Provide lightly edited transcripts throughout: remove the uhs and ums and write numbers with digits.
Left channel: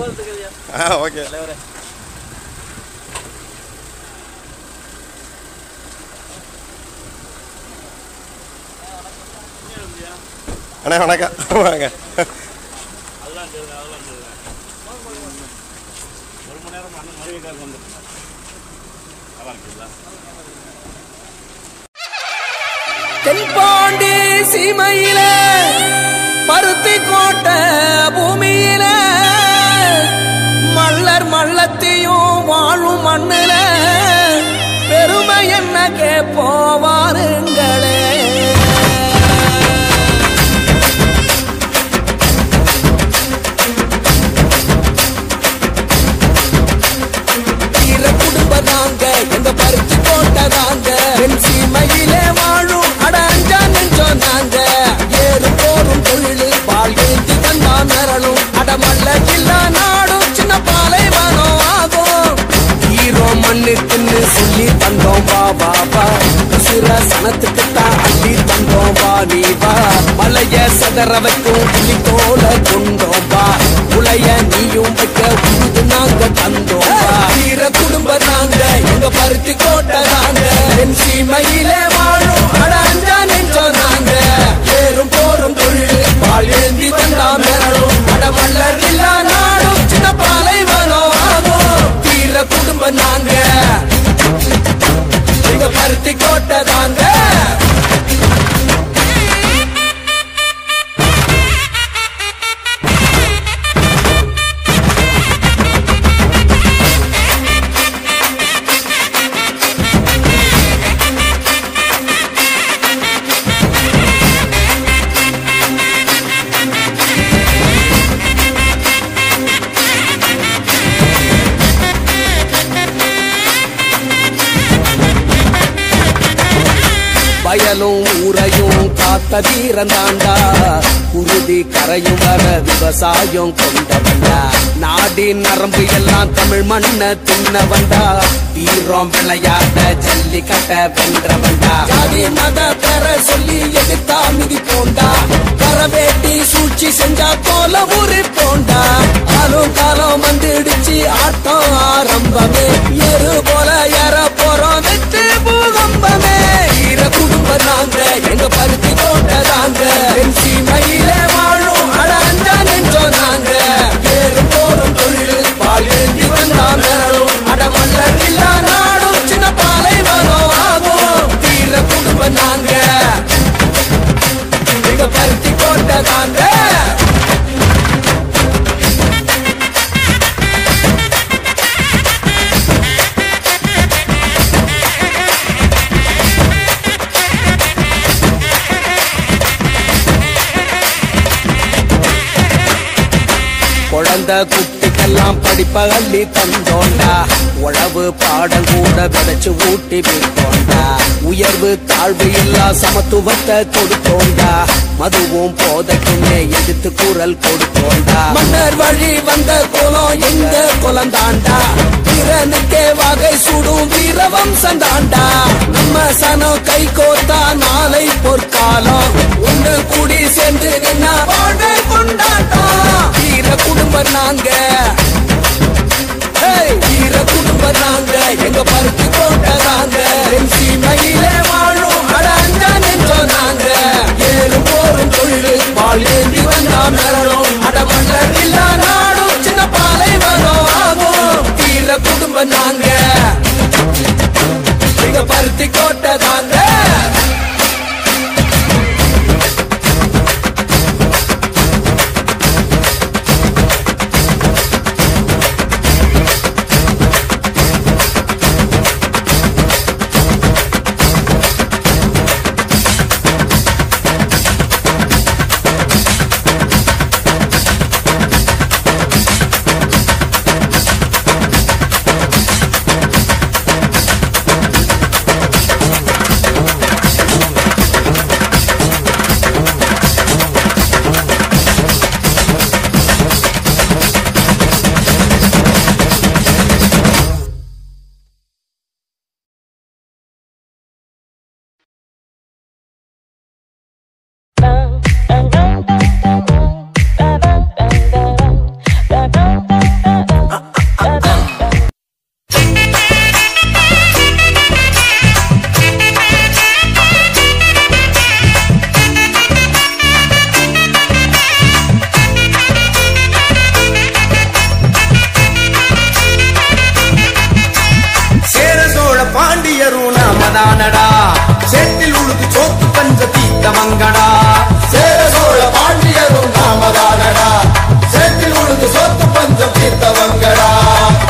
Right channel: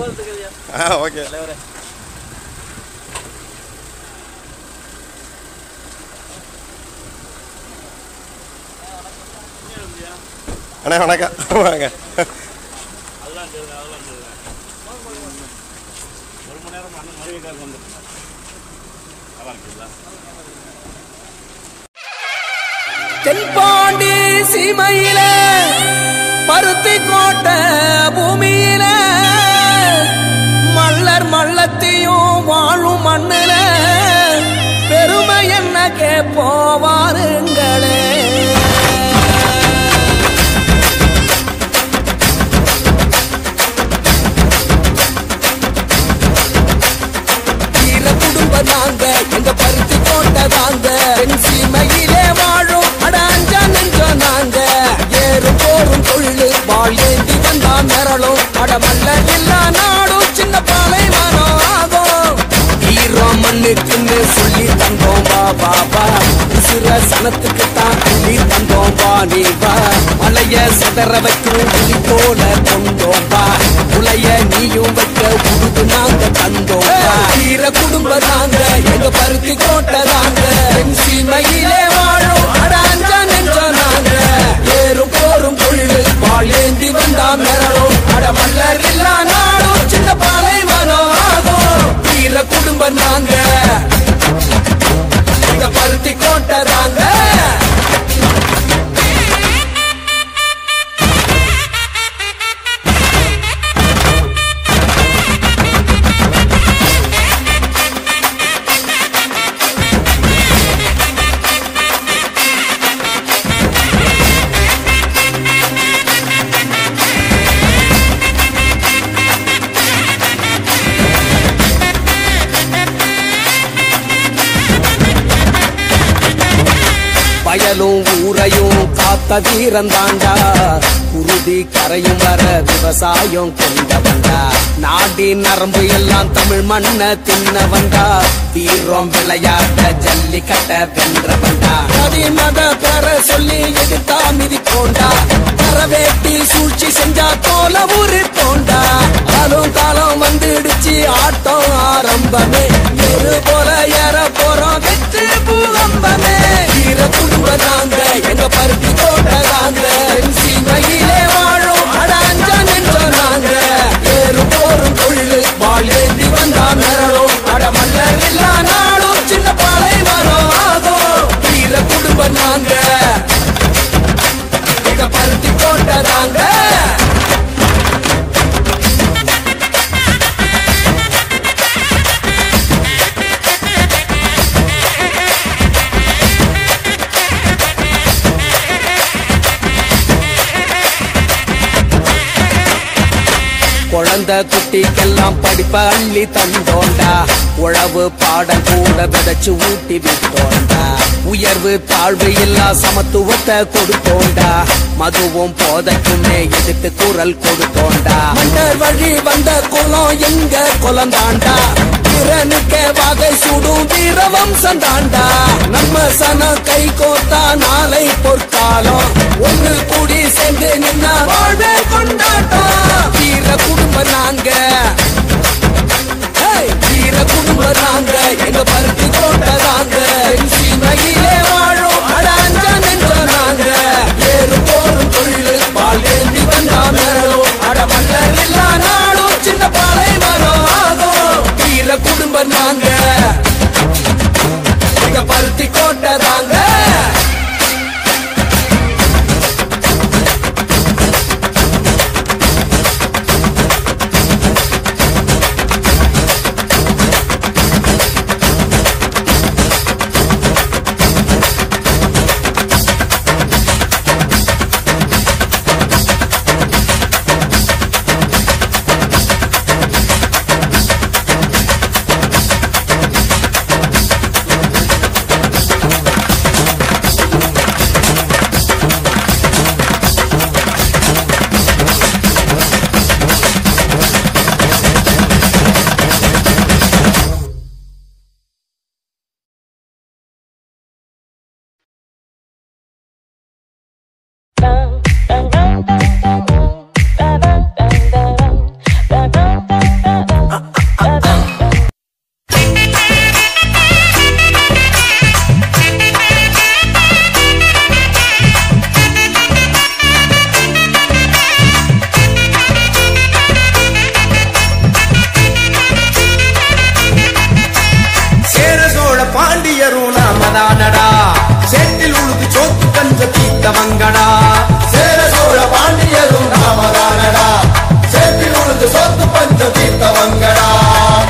Okay அண்ணா வணக்கம் வாங்க. தென்பாண்டி சீமையில பருத்தி கோட்டை பூமியில மல்லர் மல்லத்தையும் வாழும் மண்ணுல பெருமை என்ன கேப்போவாருங்களே. சனத்துக்கு தாண்டி தந்தோம் வாடிவா மலைய சதற வைக்கும் போல கொண்டோம்பா உலைய நீயும் வைக்க வந்து நாங்க தந்தோம்பா வீர குடும்ப நாங்க எங்க பருத்தி கோட்ட நாங்க என் சீமையிலே வாழும் அடாஞ்சா நெஞ்சோ நாங்க ஏறும் போரும் தொழில் பால் ஏந்தி வந்தா மிரணும் அடமல்லர் இல்லா நாடும் சின்ன பாலை வரும் ஆகும் வீர குடும்ப நாங்க பருத்தி கோட்டை தாங்க. வயலும் ஊரையும் காத்த வீரன் தாண்டா உறுதி கரையும் வர விவசாயம் கொண்ட வந்தா நாடின் நரம்பு எல்லாம் தமிழ் மண்ண தின்ன வந்தா வீரம் விளையாட்ட ஜல்லிக்கட்ட வென்ற வந்தா மத பெற சொல்லி எதிர்த்தா மிதி போண்டா கரவேட்டி சூழ்ச்சி செஞ்சா போல ஊரு போண்டா அரும் காலம் வந்துடுச்சு ஆட்டம் ஆரம்பமே எரு போல ஏற போறோம் வெற்றி பூகம்பமே எங்க பருத்தி கோட்டை என் சீமையிலே வாழும் அடாஞ்சா நெஞ்சோ நாங்க ஏறு போரும் தொழில் பால் ஏந்தி வந்தா மிரணும் அடமல்லர் இல்லா நாடும் சின்ன பாலை வரும் ஆகும் வீர குடும்ப நாங்க எங்க பருத்தி கோட்டை தாங்க. குட்டிக்கெல்லாம் படிப்ப அள்ளி தந்தோண்டா உழவு பாடம் கூட விதைச்சு ஊட்டி விட்டோண்டா உயர்வு தாழ்வு இல்லா சமத்துவத்தை கொடுத்தோண்டா மதுவும் போதைக்குள்ளே எதிர்த்து குரல் கொடுத்தோண்டா மன்னர் வழி வந்த குலம் எங்க குலம் தாண்டா திறனுக்க வகை சுடும் வீர வம்சம் தாண்டா நம்ம சனம் கை கோத்தா நாளை பொற்காலம் ஒண்ணு கூடி சேர்ந்து நின்னா வாழ்வே கொண்டாட்டா வீர குடும்பம் நாங்க வீர குடும்பம் நாங்க எங்க பருத்தி கோட்டை நாங்க சீமையிலே வாழும் அடாஞ்சா நெஞ்சோ நாங்க ஏறு போரும் தொழில் பால் ஏந்தி வந்தா மிரணும் அடமல்லர் இல்லா நாடும் சின்ன பாலை வரும் ஆகும் வீர குடும்பம் நாங்க எங்க பருத்தி கோட்டை தாங்க. சோத்து பஞ்ச தீத்தவங்கடா சேர சோழ பாண்டியரும் நாமதானடா சேற்றில் உழுது சோத்து பஞ்சம் தீர்த்தவங்கடா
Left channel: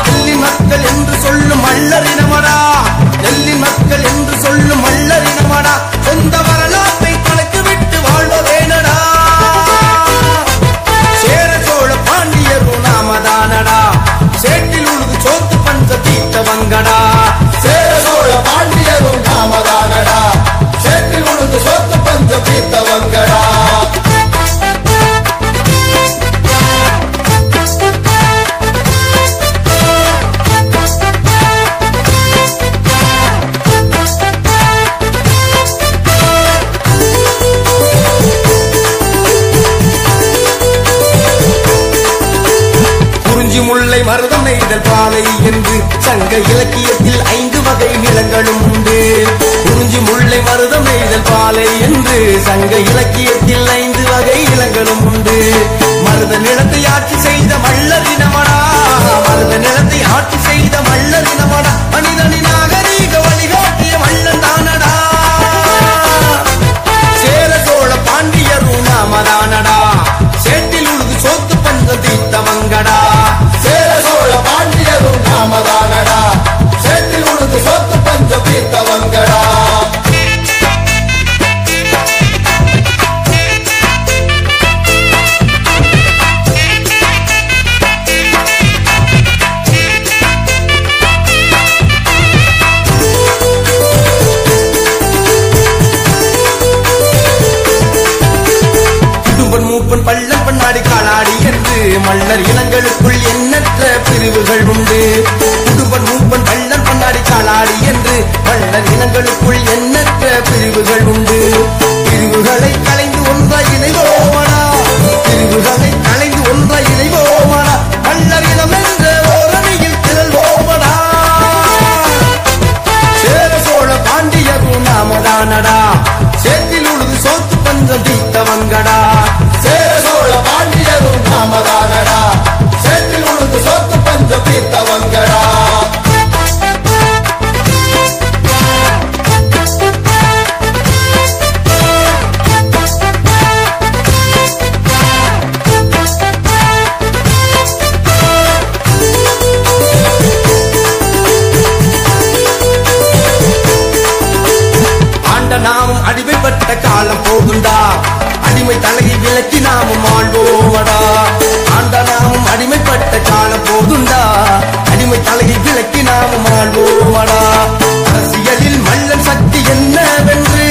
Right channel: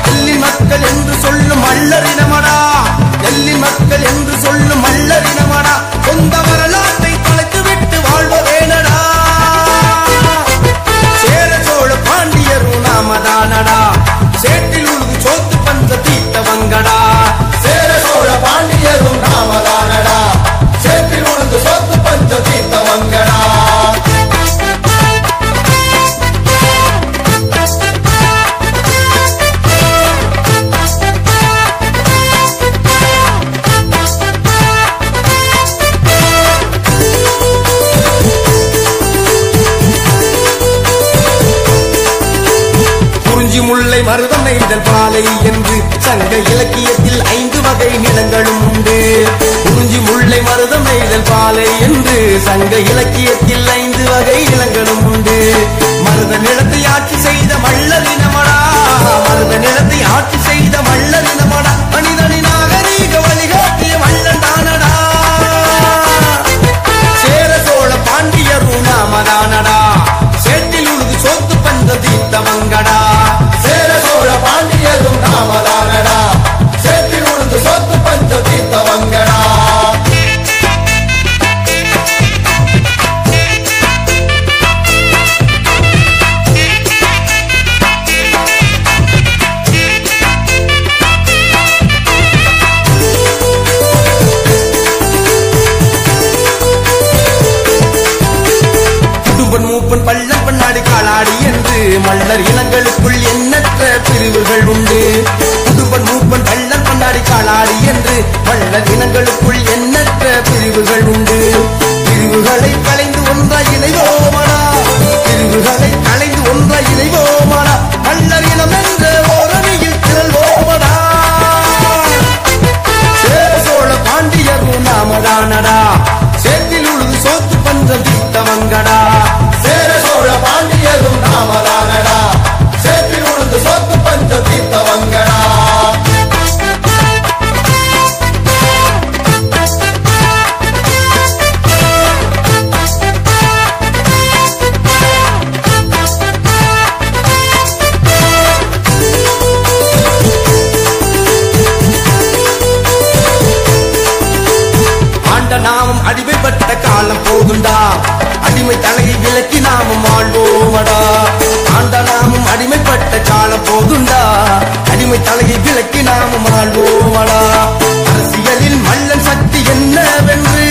நெல்லின் மக்கள் என்று சொல்லும் மல்லரினமடா நெல்லின் மக்கள் என்று சொல்லும் மல்லரினமடா சொந்த வரலாற்றை தொலைத்து விட்டு வாழ்வதேனடா சேர சோழ பாண்டியரும் நாமதானடா சேற்றில் உழுது சோத்து பஞ்ச தீத்தவங்கடா சேர சோழ பாண்டியரும் நாமதானடா சேற்றில் உழுது சோத்து பஞ்சம் தீர்த்தவங்கடா குறிஞ்சி முல்லை மருதம் நெய்தல் பாலை என்று சங்க இலக்கியத்தில் 5 வகை நிலங்களும் உண்டு குறிஞ்சி முல்லை மருதம் நெய்தல் பாலை என்று சங்க இலக்கியத்தில் 5 வகை நிலங்களும் உண்டு மருத நிலத்தை ஆட்சி செய்த மல்லரினமடா மருத நிலத்தை ஆட்சி செய்த மல்லரினமடா மனிதனின் நாகரீக வழிகாட்டிய மல்லன் தானடா சேர சோழ பாண்டியரும் நாமதானடா சேற்றில் உழுது சோத்து பஞ்சம் தீர்த்தவங்கடா சேர சோழ பாண்டியரும் நாமதானடா சேற்றில் உழுது சோத்து பஞ்சம் தீர்த்தவங்கடா மூப்பன் பள்ளம் பண்ணாடி காலாடி என்று மல்லர் இனங்களுக்குள் எண்ணற்ற பிரிவுகள் உண்டு புதுப்பன் மூப்பன் பள்ளம் பண்ணாடி காலாடி என்று மல்லர் இனங்களுக்குள் எண்ணற்ற பிரிவுகள் உண்டு பிரிவுகளை களைந்து ஒன்றாய் இணைவோமடா பிரிவுகளை களைந்து ஒன்றாய் இணைவோமடா மல்லர் இனம் என்ற ஓரணியில் திரள்வோமடா சேர சோழ பாண்டியரும் நாமதானடா சேற்றில் உழுது சோத்து பஞ்சம் தீர்த்தவங்கடா சேர சோழ பாண்டியரும் நாமதானடா சேற்றில் உழுது சோத்து பஞ்சம் தீர்த்தவங்கடா நாமும் அடிமைப்பட்ட காலம் போதுண்டா அடிமை தலையை விலக்கி நாமும் ஆழ்வோமடா ஆண்ட நாமும் அடிமைப்பட்ட காலம் போதுண்டா அடிமை தலையை விலக்கி நாமும் ஆழ்வோமடா அரசியலில் மல்லன் சக்தி என்னவென்று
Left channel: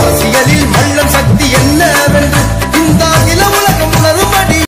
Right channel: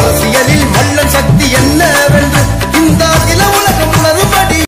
அரசியலில் மல்லன் சக்தி என்னவென்று இந்த